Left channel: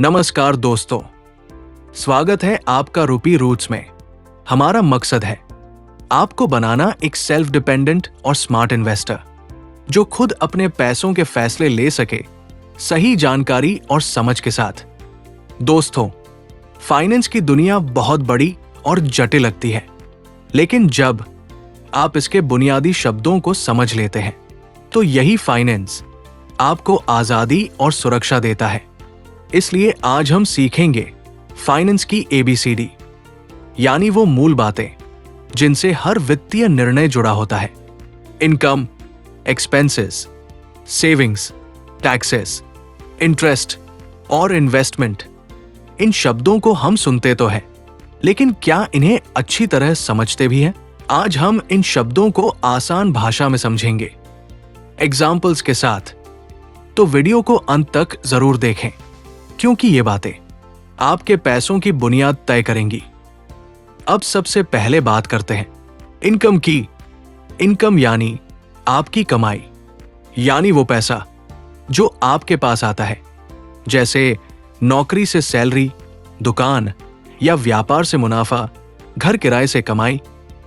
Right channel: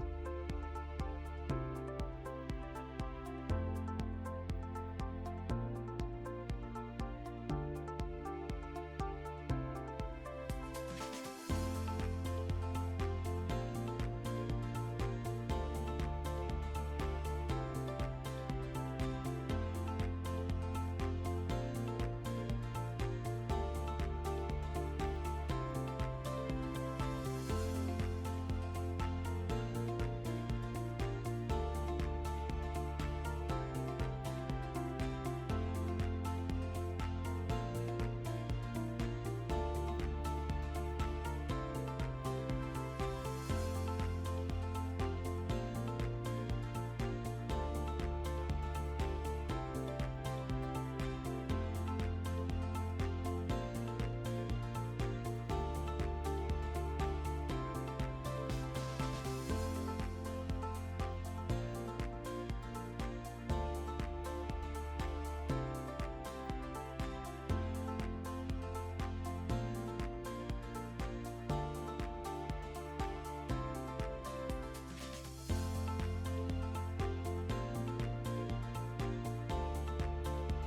नमस्कार दोस्तों, स्वागत है आपका रूपी रूट्स में। हमारा मकसद है आपको बनाना एक सेल्फ डिपेंडेंट और स्मार्ट इन्वेस्टर जो खुद अपने पैसों के फैसले ले सके, सही जानकारी और समझ के साथ। दोस्तों, फाइनेंस की दुनिया बहुत बड़ी और जटिल लगती है, लेकिन जब आप इसके बुनियादी शब्दों को समझ लेते हैं तो यही फाइनेंस आपको आजादी और सुरक्षा देता है। इसलिए आज हम सीखेंगे फाइनेंस की ABCD, यानी वो मूल बातें जिनसे हर वित्तीय निर्णय जुड़ा होता है। Income, expenses, savings, taxes, interest और इन्वेस्टमेंट। इन शब्दों को हम सुनते तो हैं, लेकिन क्या इन्हें अच्छी तरह समझते भी हैं? आज हम इन शब्दों को आसान भाषा में समझेंगे, एग्जाम्पल्स के साथ। तो वीडियो को अंत तक जरूर देखें, क्योंकि ये बातें आपके पैसों की बुनियाद तय करेंगी। अब सबसे पहले बात करते हैं इनकम की। इनकम यानी आपकी कमाई, यानी वो पैसा जो आपके पास आता है, जैसे नौकरी से सैलरी, दुकान या व्यापार से मुनाफा, घर किराए से कमाई,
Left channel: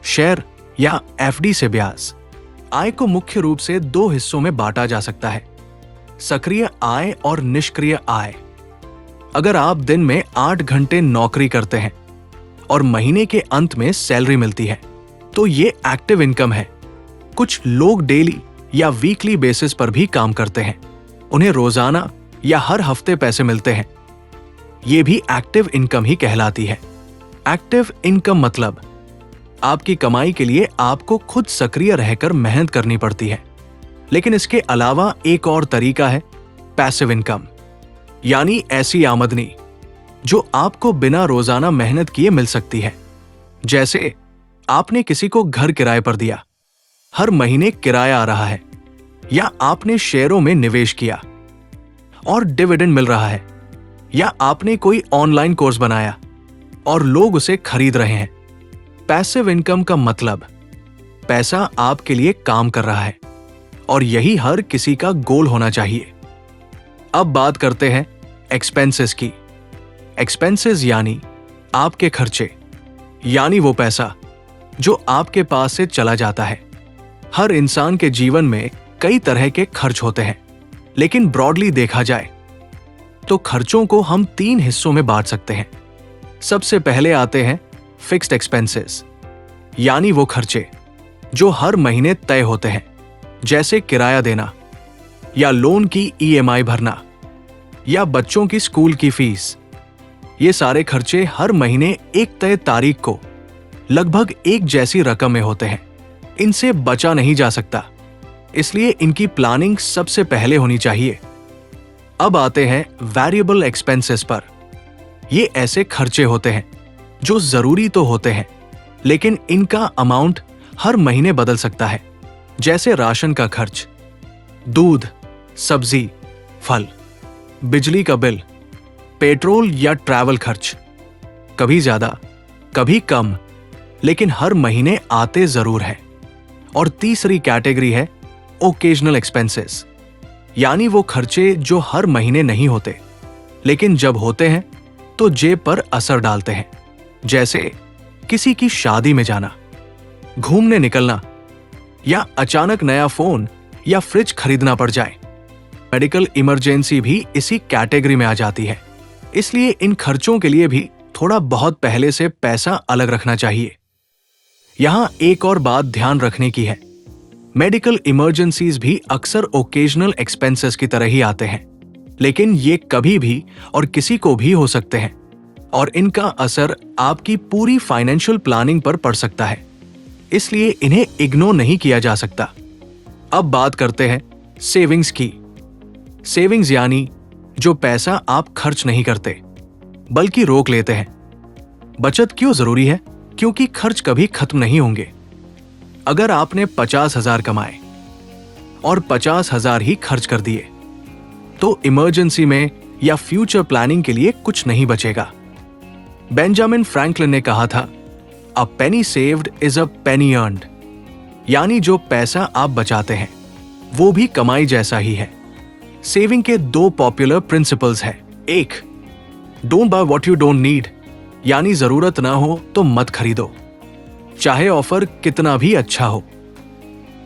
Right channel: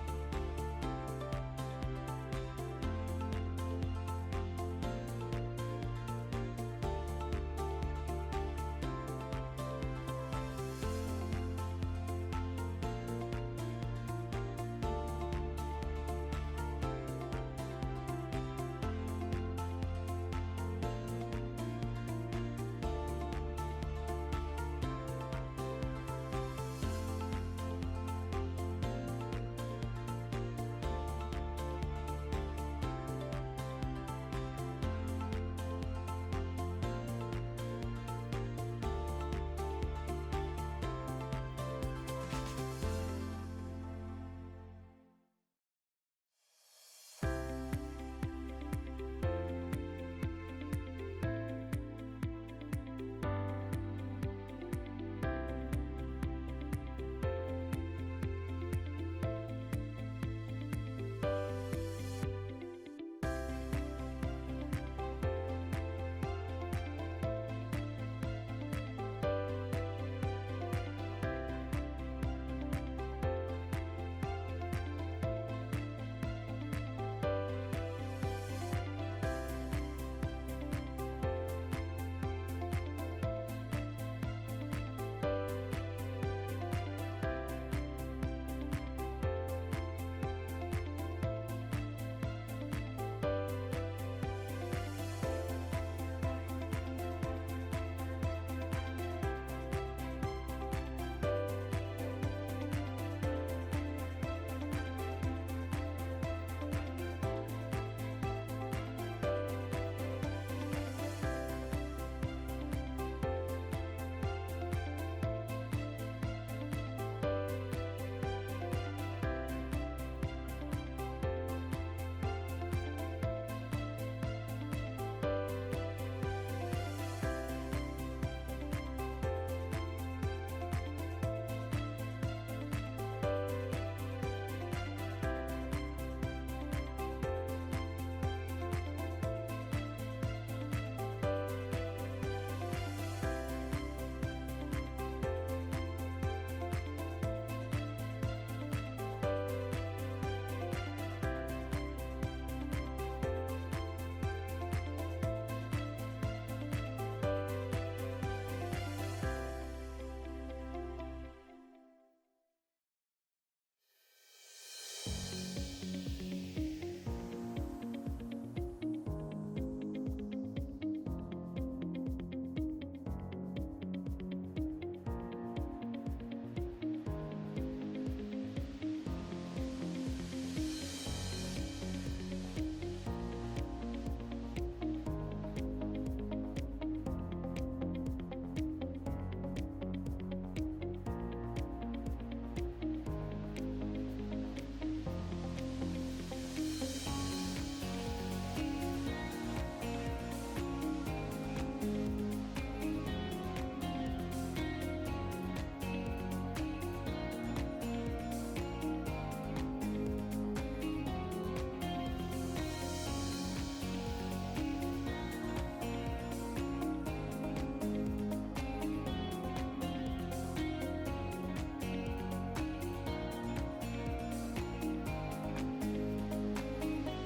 शेयर या FD से ब्याज। आय को मुख्य रूप से दो हिस्सों में बांटा जा सकता है, सक्रिय आय और निष्क्रिय आय। अगर आप दिन में 8 घंटे नौकरी करते हैं और महीने के अंत में सैलरी मिलती है, तो ये एक्टिव इनकम है। कुछ लोग डेली या वीकली बेसिस पर भी काम करते हैं, उन्हें रोजाना या हर हफ्ते पैसे मिलते हैं। ये भी एक्टिव इनकम ही कहलाती है। एक्टिव इनकम मतलब आपकी कमाई के लिए आपको खुद सक्रिय रहकर मेहनत करनी पड़ती है। लेकिन इसके अलावा एक और तरीका है पैसिव इनकम, यानी ऐसी आमदनी जो आपको बिना रोजाना मेहनत किए मिल सकती है। जैसे आपने किसी को घर किराए पर दिया, हर महीने किराया आ रहा है, या आपने शेयरों में निवेश किया और डिविडेंड मिल रहा है, या आपने कोई ऑनलाइन कोर्स बनाया और लोग उसे खरीद रहे हैं। पैसिव इनकम का मतलब पैसा आपके लिए काम कर रहा है, और यही हर किसी का गोल होना चाहिए। अब बात करते हैं एक्सपेंसेस की। एक्सपेंसेस यानी आपके खर्चे, यानी वो पैसा जो आपके पास से चला जाता है। हर इंसान के जीवन में कई तरह के खर्च होते हैं, लेकिन ब्रॉडली देखा जाए तो खर्चों को हम 3 हिस्सों में बांट सकते हैं। सबसे पहले आते हैं फिक्स्ड एक्सपेंसेस, यानी वो खर्चे जो हर महीने तय होते हैं, जैसे किराया देना या लोन की EMI भरना या बच्चों की स्कूल की फीस। ये सारे खर्चे हर महीने एक तय तारीख को लगभग एक जैसी रकम में होते हैं। इनसे बचा नहीं जा सकता, इसलिए इनकी प्लानिंग सबसे पहले होनी चाहिए। अब आते हैं वेरिएबल एक्सपेंसेस पर। ये ऐसे खर्चे होते हैं जो जरूरी तो होते हैं, लेकिन इनका अमाउंट हर महीने बदल सकता है, जैसे राशन का खर्च, दूध, सब्जी, फल, बिजली का बिल, पेट्रोल या ट्रैवल खर्च। कभी ज्यादा, कभी कम, लेकिन हर महीने आते जरूर है। और तीसरी कैटेगरी है ओकेजनल एक्सपेंसेस, यानी वो खर्चे जो हर महीने नहीं होते, लेकिन जब होते हैं तो जेब पर असर डालते हैं, जैसे किसी की शादी में जाना, घूमने निकलना, या अचानक नया फोन या फ्रिज खरीदना पड़ जाए। मेडिकल इमरजेंसी भी इसी कैटेगरी में आ जाती है, इसलिए इन खर्चों के लिए भी थोड़ा बहुत पहले से पैसा अलग रखना चाहिए। यहां एक और बात ध्यान रखने की है, मेडिकल इमरजेंसीज भी अक्सर ओकेजनल एक्सपेंसेस की तरह ही आते हैं, लेकिन ये कभी भी और किसी को भी हो सकते हैं, और इनका असर आपकी पूरी फाइनेंशियल प्लानिंग पर पड़ सकता है, इसलिए इन्हें इग्नोर नहीं किया जा सकता। अब बात करते हैं सेविंग्स की। सेविंग्स यानी जो पैसा आप खर्च नहीं करते, बल्कि रोक लेते हैं। बचत क्यों जरूरी है? क्योंकि खर्च कभी खत्म नहीं होंगे। अगर आपने 50,000 कमाए और 50,000 ही खर्च कर दिए, तो इमरजेंसी में या फ्यूचर प्लानिंग के लिए कुछ नहीं बचेगा। बेंजामिन फ्रैंकलिन ने कहा था, a penny saved is a penny earned, यानी जो पैसा आप बचाते हैं वो भी कमाई जैसा ही है। सेविंग के 2 पॉपुलर प्रिंसिपल्स हैं। एक, don't by what you don't need, यानी जरूरत ना हो तो मत खरीदो, चाहे ऑफर कितना भी अच्छा हो।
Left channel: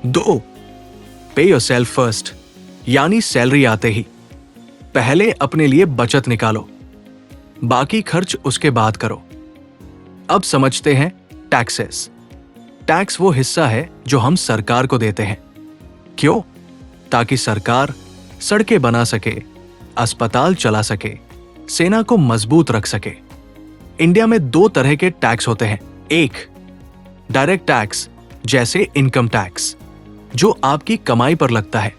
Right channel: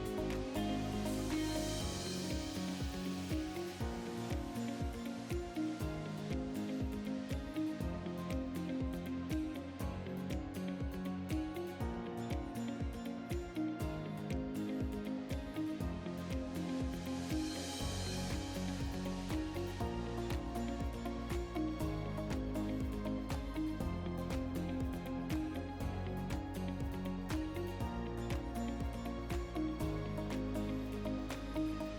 2. पे योरसेल्फ फर्स्ट, यानी सैलरी आते ही पहले अपने लिए बचत निकालो, बाकी खर्च उसके बाद करो। अब समझते हैं टैक्सेस। टैक्स वो हिस्सा है जो हम सरकार को देते हैं। क्यों? ताकि सरकार सड़कें बना सके, अस्पताल चला सके, सेना को मजबूत रख सके। इंडिया में 2 तरह के टैक्स होते हैं। एक, डायरेक्ट टैक्स जैसे इनकम टैक्स जो आपकी कमाई पर लगता है।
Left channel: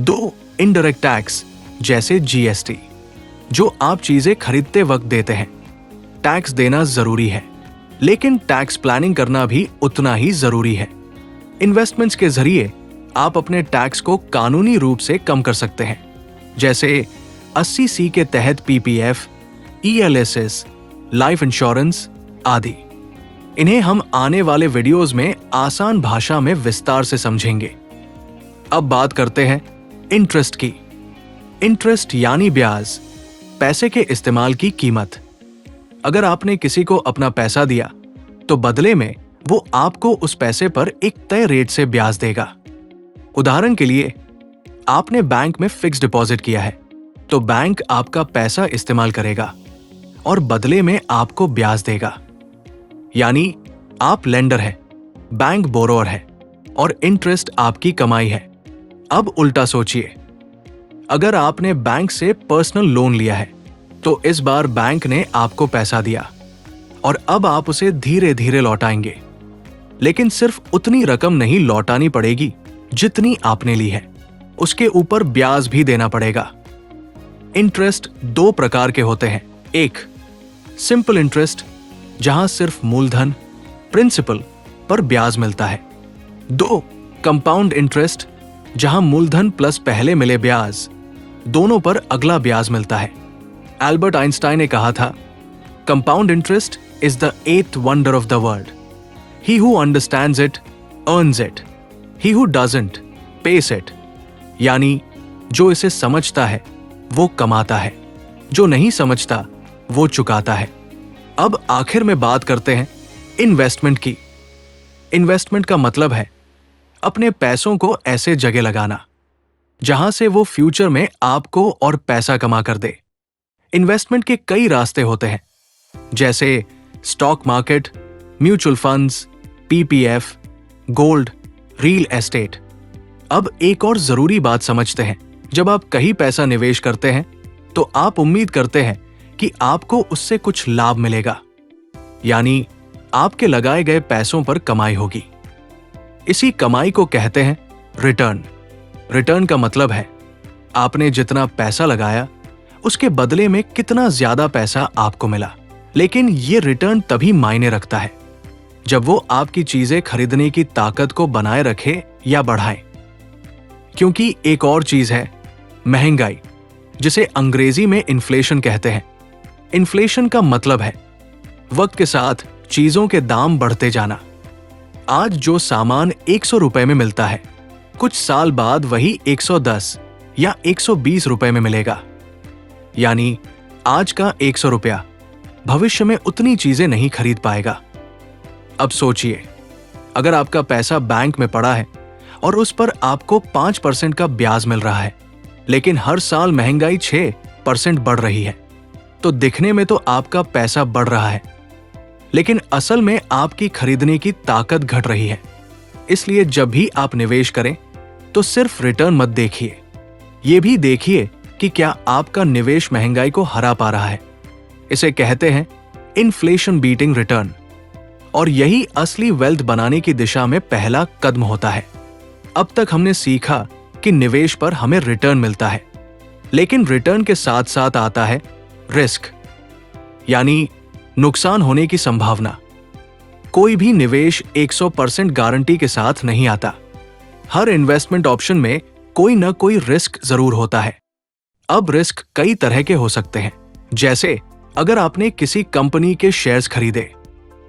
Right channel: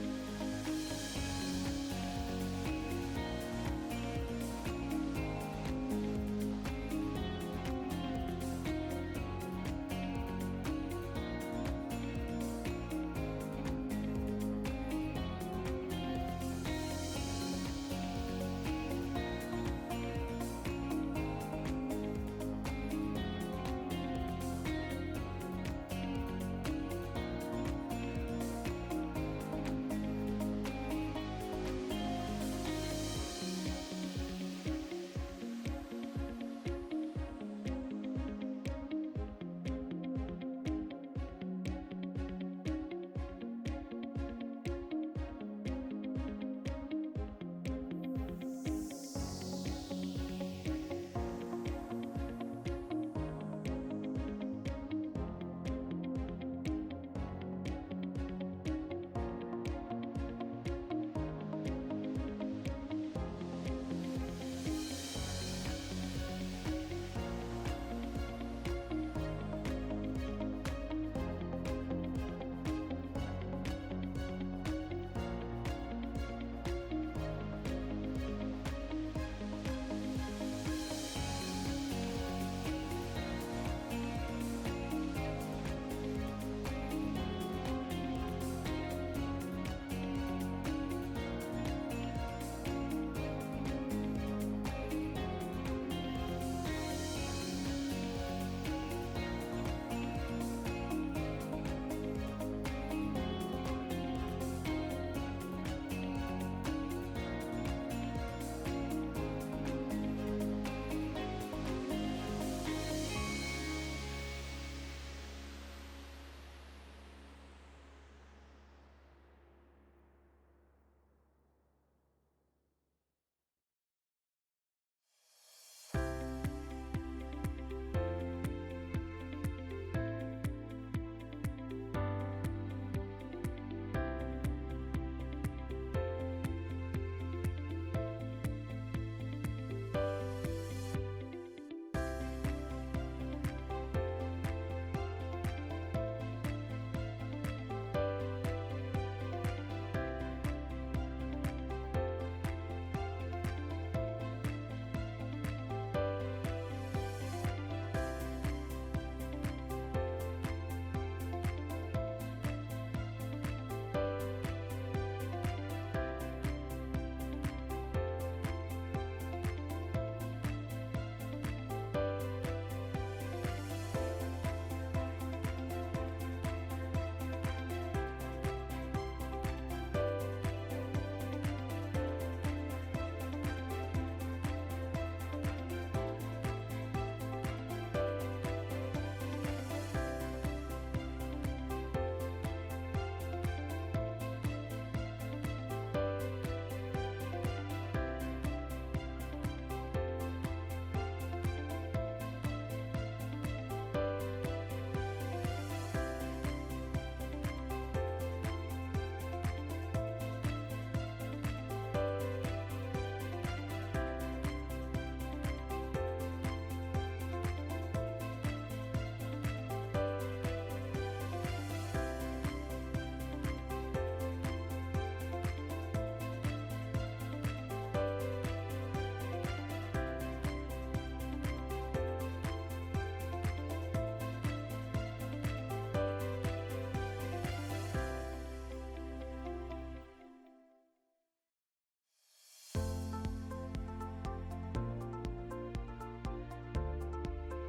2, इनडायरेक्ट टैक्स जैसे जीएसटी जो आप चीजें खरीदते वक्त देते हैं। टैक्स देना जरूरी है, लेकिन टैक्स प्लानिंग करना भी उतना ही जरूरी है। इन्वेस्टमेंट्स के जरिए आप अपने टैक्स को कानूनी रूप से कम कर सकते हैं, जैसे 80C के तहत पीपीएफ, ईएलएसएस, लाइफ इंश्योरेंस आदि। इन्हें हम आने वाले वीडियोस में आसान भाषा में विस्तार से समझेंगे। अब बात करते हैं इंटरेस्ट की। इंटरेस्ट यानी ब्याज, पैसे के इस्तेमाल की कीमत। अगर आपने किसी को अपना पैसा दिया तो बदले में वो आपको उस पैसे पर एक तय रेट से ब्याज देगा। उदाहरण के लिए, आपने बैंक में फिक्स डिपॉजिट किया है तो बैंक आपका पैसा इस्तेमाल करेगा और बदले में आपको ब्याज देगा। यानी आप लेंडर हैं, बैंक बोरोअर है और इंटरेस्ट आपकी कमाई है। अब उल्टा सोचिए, अगर आपने बैंक से पर्सनल लोन लिया है तो इस बार बैंक ने आपको पैसा दिया और अब आप उसे धीरे धीरे लौटाएंगे, लेकिन सिर्फ उतनी रकम नहीं लौटानी पड़ेगी जितनी आपने ली है, उसके ऊपर ब्याज भी देना पड़ेगा। इंटरेस्ट 2 प्रकार के होते हैं। एक, सिंपल इंटरेस्ट जहां सिर्फ मूलधन प्रिंसिपल पर ब्याज मिलता है। 2, कंपाउंड इंटरेस्ट जहां मूलधन प्लस पहले मिले ब्याज दोनों पर अगला ब्याज मिलता है। एल्बर्ट आइंस्टाइन ने कहा था, compound interest is the 8th wonder of the world. He who understands it earns it, he who doesn't pays it. यानी जो इसे समझता है वो कमाता है, जो नहीं समझता वो चुकाता है। अब आखिर में बात करते हैं इन्वेस्टमेंट की। इन्वेस्टमेंट का मतलब है अपने पैसों को ऐसे जगह लगाना जहां से वो फ्यूचर में आपको और पैसा कमा कर दे। इन्वेस्टमेंट के कई रास्ते होते हैं, जैसे stock market, mutual funds, PPF, gold, real estate. अब एक और जरूरी बात समझते हैं, जब आप कहीं पैसा निवेश करते हैं तो आप उम्मीद करते हैं कि आपको उससे कुछ लाभ मिलेगा, यानी आपके लगाए गए पैसों पर कमाई होगी। इसी कमाई को कहते हैं रिटर्न। रिटर्न का मतलब है आपने जितना पैसा लगाया उसके बदले में कितना ज्यादा पैसा आपको मिला। लेकिन ये रिटर्न तभी मायने रखता है जब वो आपकी चीजें खरीदने की ताकत को बनाए रखे या बढ़ाए। क्योंकि एक और चीज है महंगाई, जिसे अंग्रेजी में इन्फ्लेशन कहते हैं। इन्फ्लेशन का मतलब है वक्त के साथ चीजों के दाम बढ़ते जाना। आज जो सामान 100 रुपए में मिलता है, कुछ साल बाद वही 110 या 120 रुपए में मिलेगा। यानी आज का 100 रुपया भविष्य में उतनी चीजें नहीं खरीद पाएगा। अब सोचिए, अगर आपका पैसा बैंक में पड़ा है और उस पर आपको 5% का ब्याज मिल रहा है, लेकिन हर साल महंगाई 6% बढ़ रही है, तो दिखने में तो आपका पैसा बढ़ रहा है, लेकिन असल में आपकी खरीदने की ताकत घट रही है। इसलिए जब भी आप निवेश करें तो सिर्फ रिटर्न मत देखिए, ये भी देखिए कि क्या आपका निवेश महंगाई को हरा पा रहा है। इसे कहते हैं इन्फ्लेशन बीटिंग रिटर्न, और यही असली वेल्थ बनाने की दिशा में पहला कदम होता है। अब तक हमने सीखा कि निवेश पर हमें रिटर्न मिलता है, लेकिन रिटर्न के साथ साथ आता है रिस्क, यानी नुकसान होने की संभावना। कोई भी निवेश 100% गारंटी के साथ नहीं आता। हर इन्वेस्टमेंट ऑप्शन में कोई न कोई रिस्क जरूर होता है। अब रिस्क कई तरह के हो सकते हैं, जैसे अगर आपने किसी कंपनी के शेयर्स खरीदे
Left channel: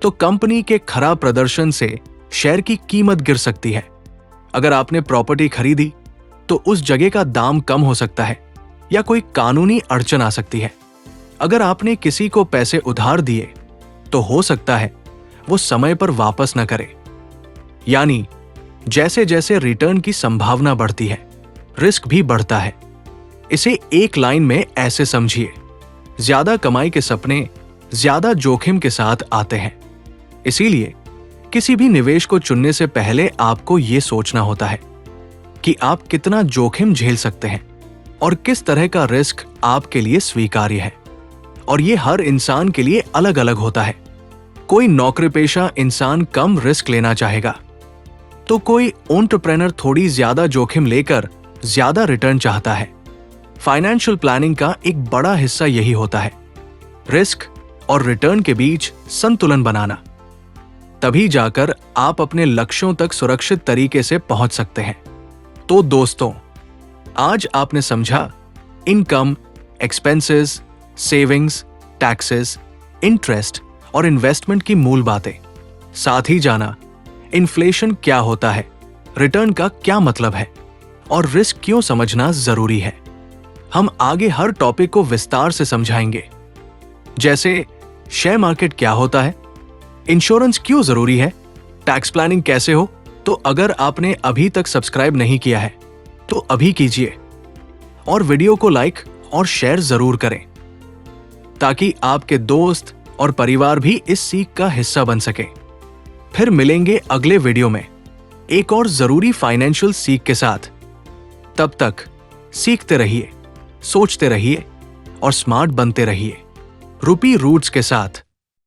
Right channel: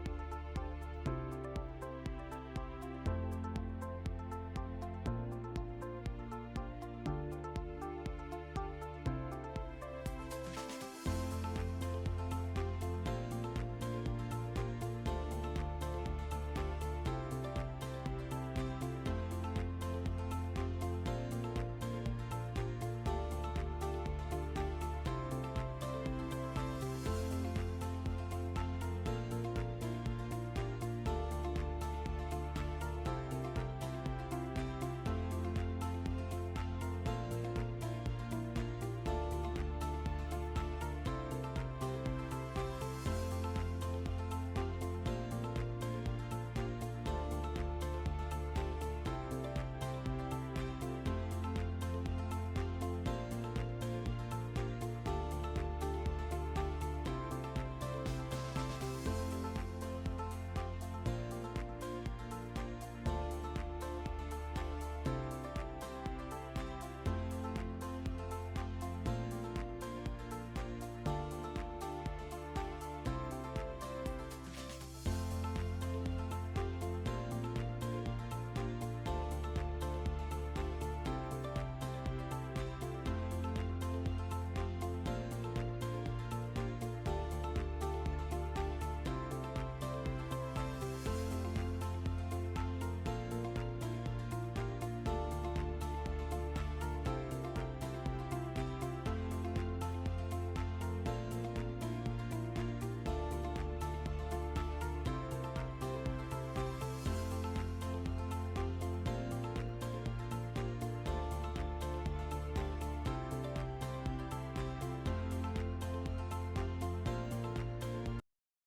तो कंपनी के खराब प्रदर्शन से शेयर की कीमत गिर सकती है। अगर आपने प्रॉपर्टी खरीदी तो उस जगह का दाम कम हो सकता है या कोई कानूनी अड़चन आ सकती है। अगर आपने किसी को पैसे उधार दिए तो हो सकता है वो समय पर वापस न करे। यानी जैसे जैसे रिटर्न की संभावना बढ़ती है, रिस्क भी बढ़ता है। इसे एक लाइन में ऐसे समझिए, ज्यादा कमाई के सपने ज्यादा जोखिम के साथ आते हैं। इसीलिए किसी भी निवेश को चुनने से पहले आपको यह सोचना होता है कि आप कितना जोखिम झेल सकते हैं और किस तरह का रिस्क आपके लिए स्वीकार्य है। और ये हर इंसान के लिए अलग अलग होता है। कोई नौकरीपेशा इंसान कम रिस्क लेना चाहेगा, तो कोई एंटरप्रेन्योर थोड़ी ज्यादा जोखिम लेकर ज्यादा रिटर्न चाहता है। फाइनेंशियल प्लानिंग का एक बड़ा हिस्सा यही होता है, रिस्क और रिटर्न के बीच संतुलन बनाना। तभी जाकर आप अपने लक्ष्यों तक सुरक्षित तरीके से पहुंच सकते हैं। तो दोस्तों, आज आपने समझा income, expenses, savings, taxes, interest और इन्वेस्टमेंट की मूल बातें। साथ ही जाना इन्फ्लेशन क्या होता है, रिटर्न का क्या मतलब है और रिस्क क्यों समझना जरूरी है। हम आगे हर टॉपिक को विस्तार से समझाएंगे, जैसे शेयर मार्केट क्या होता है, इंश्योरेंस क्यों जरूरी है, टैक्स प्लानिंग कैसे हो। तो अगर आपने अभी तक सब्सक्राइब नहीं किया है तो अभी कीजिए और वीडियो को लाइक और शेयर जरूर करें, ताकि आपके दोस्त और परिवार भी इस सीख का हिस्सा बन सके। फिर मिलेंगे अगले वीडियो में एक और जरूरी फाइनेंशियल सीख के साथ। तब तक सीखते रहिए, सोचते रहिए और स्मार्ट बनते रहिए। रूपी रूट्स के साथ